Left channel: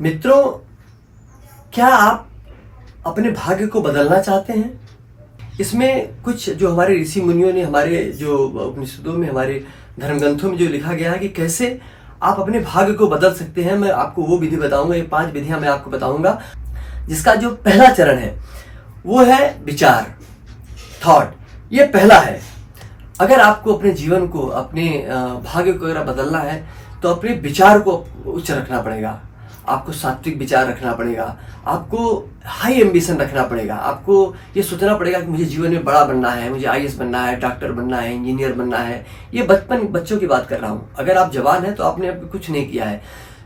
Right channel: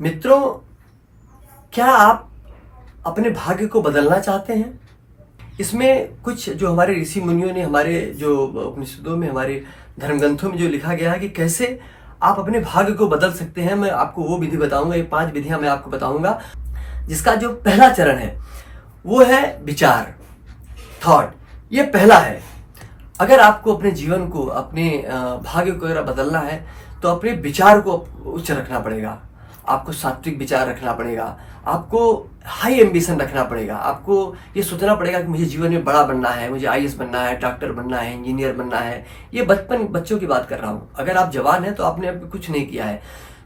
मित्रों, क्या आप अपने भाग्य को बदलना चाहते हैं? इसमें कुछ जो हमारे ऋषि मुनियों ने, हमारे जो उपनिषदों में, हमारे धर्म ग्रंथों में जो लिखा गया है कि कैसे आप अपने भाग्य को बदल सकते हैं, मैं आपको वो विधि बताऊंगा। ये 5 विधियां मैं आपको बताऊंगा, जिसका जो पहला चरण है वो है विचार, थॉट। ये पहला है। अगर आपको अपने जीवन को, अपने भाग्य को अगर बदलना है तो अपने विचार को उच्च रखना पड़ेगा। आपको सात्विक विचार रखना पड़ेगा, आपको हाई एम्बिशन रखना पड़ेगा। आपको ये सोचना पड़ेगा कि मुझे जीवन में बड़ा बनना है, मुझे आईएएस बनना है, डॉक्टर बनना है, इंजीनियर बनना है। ये बच्चों की बात कर रहा हूँ। अगर आप जवान हैं तो आपने अभी कुछ नहीं किया है,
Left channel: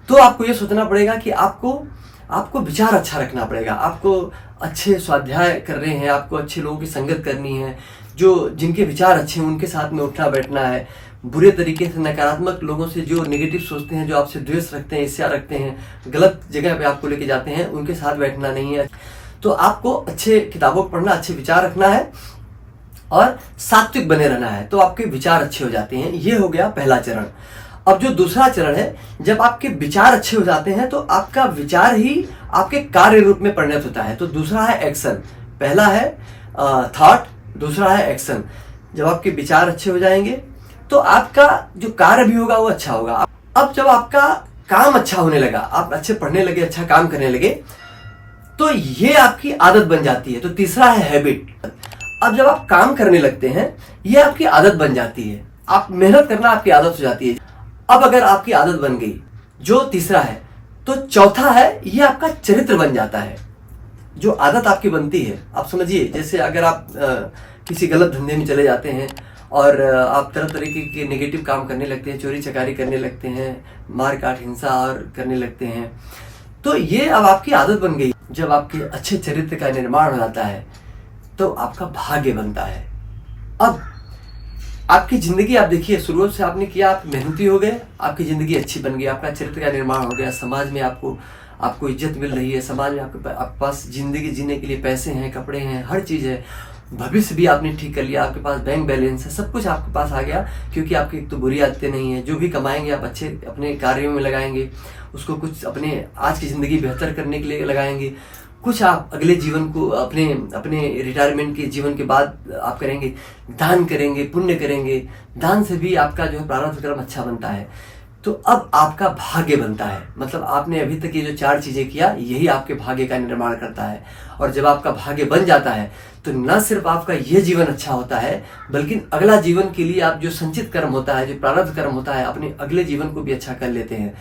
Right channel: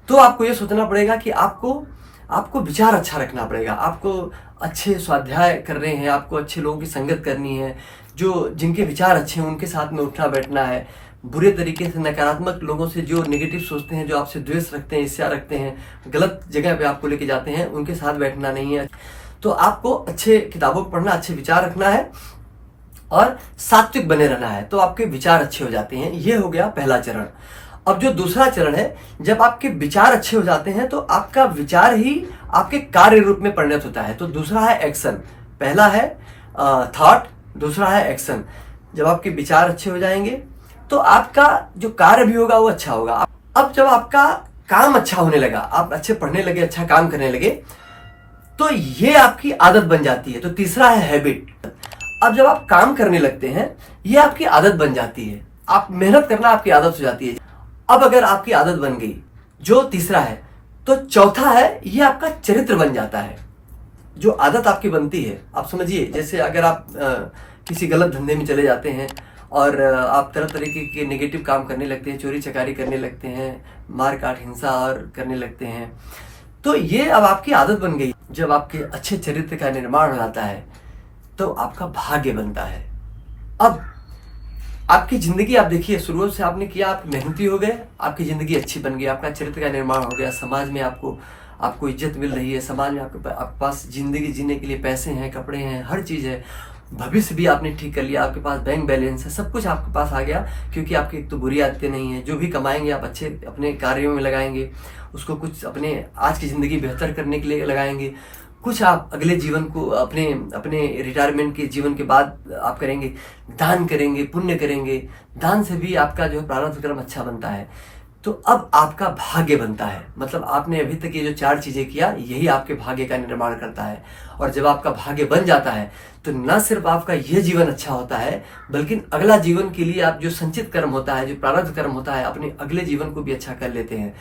तो आपको ये सोचना पड़ेगा कि आपको विचार अच्छा रखना पड़ेगा। आपको अच्छे स्वाध्याय कर रहे हैं, आपको अच्छे लोगों की संगत करनी है, जो जिनके विचार अच्छे हैं उनके साथ में उठना बैठना है। बुरे तरीके से, नकारात्मक लोगों से, जो नेगेटिव सोचते हैं, जो आपसे द्वेष रखते हैं, ईर्ष्या रखते हैं, गलत जगह पे आपको लेके जाते हैं, उनके साथ बैठना नहीं है। तो आपको अच्छे किताबों को पढ़ना, अच्छे विचार रखना है और सात्विक बने रहना है, तो आपके विचार अच्छे हो जाते हैं। ये हो गया पहला चरण। अब जो दूसरा चरण है, जब आपके विचार अच्छे हो जाते हैं तो आपका विचार ही आपके कार्य रूप में परिणत होता है। तो दूसरा है एक्शन। पहला है थॉट, दूसरा है एक्शन। जब आपके विचार अच्छे हो जाएंगे तो आपका जो कार्य भी होगा वो अच्छा होगा। अब जब आपका काम अच्छा होने लगा, आप अच्छे पढ़ने लगे, अच्छा काम करने लगे, तो ये आपकी आदत बन जाती है। तो तीसरा है हैबिट। अब जब आप काम करने लगते हैं, ये आपकी आदत बन जाती है। आप मेहनत करना आपकी आदत हो जाती है। अब अगर आपकी आदत बन गई, जो तीसरा है, तो चौथा है, ये आपका चरित्र बन जाता है। जो आदत आपकी बनती है, आप समझिए, जैसे अगर आप किसी गलत धंधे में चले जाते हैं और आप तरह तरीके के नेगेटिव काम करने लगते हैं, चोरी चकारी करने लगते हैं, मार काट हिंसा और करने लगते हैं, तो ये अब आपकी आदत बन गई। जब आपके अच्छे चरित्र का निर्माण हो जाता है तो आपका भाग्य बनता है। अब आपकी जिंदगी, आप देखिए, शुरुआत से आपने किया, आप मेहनती हो गए, आपकी जिंदगी अच्छी बन गई, आपका चरित्र का निर्माण हो गया, समाज में आपको इज्जत मिल रही है, समाज में आपके पास जिंदगी जीने के लिए पैसे हैं, कपड़े हैं, हर चीज़ है, भविष्य भी आपने ठीक कर लिया, आपके पास बैंक बैलेंस है, सब कुछ आपके पास आ गया, क्योंकि आपकी एक तो बुरी आदतें नहीं है। जो भी कमाएंगे आप अच्छे अपने कार्यों में लगाएंगे, उसको कुछ अपने आज की ज़िंदगी बेहतर करने के लिए लगाएंगे, कुछ आप अगले जीवन को, अपने रिटायरमेंट के जीवन के बाद आप करेंगे, दान करेंगे, पुण्य करेंगे। दान से भी आपका जो है प्रारब्ध कर्म अच्छा बनता है। तो अब आपका भाग्य बनता है। मतलब आपने अभी तक ये जो 4 चीजें किया, यही आपके भाग्य का निर्माण करता है। और जब आपका भाग्य बन जाता है तो न सिर्फ आपका यह जीवन अच्छा होता है, बल्कि अगला जीवन के लिए आप जो संचित कर्म होता है, जो प्रारब्ध कर्म होता है, अपने अगले जीवन को भी अच्छा कर लेते हैं।